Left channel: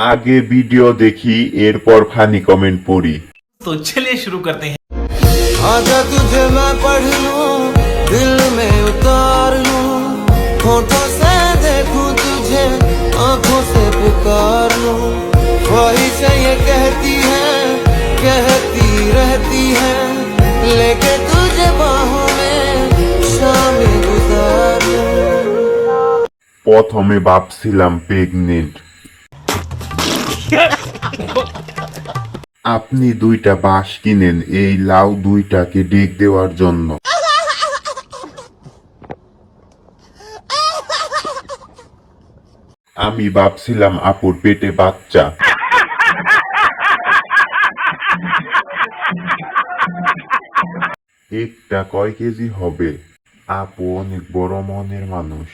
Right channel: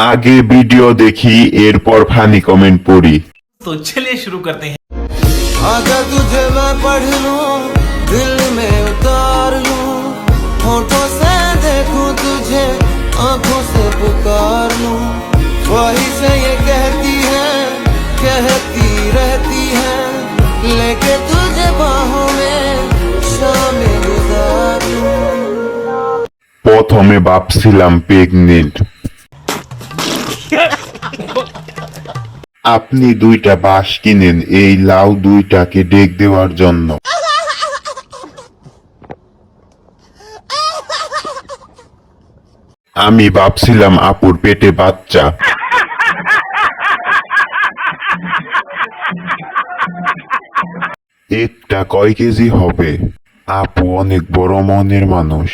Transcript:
आगे वीडियो देखी एरपर फानी कमेंट पढ़ी। तो चलिए शुरू करते हैं। आजा तुझे मैं पढ़ लूं, दिल में उतार लूं, होठों से देखूं तुझे, आंखों से पुकार लूं। वही से ये कहती रहती है, लेके तुझे बाहों में शामें गुजार लूं। प्रथमे भाबছিলাম প্রেগনেন্ট। আপনি দুইটা বাঁশ কিনেন এই লাউ দুইটাকে ডেক দেওয়ার জন্য। আমি ভাবছিলাম আপুর পেটে বাচ্চা। এটা কয় কেজি হবে? আপু অনেক বড় মনের মানুষ।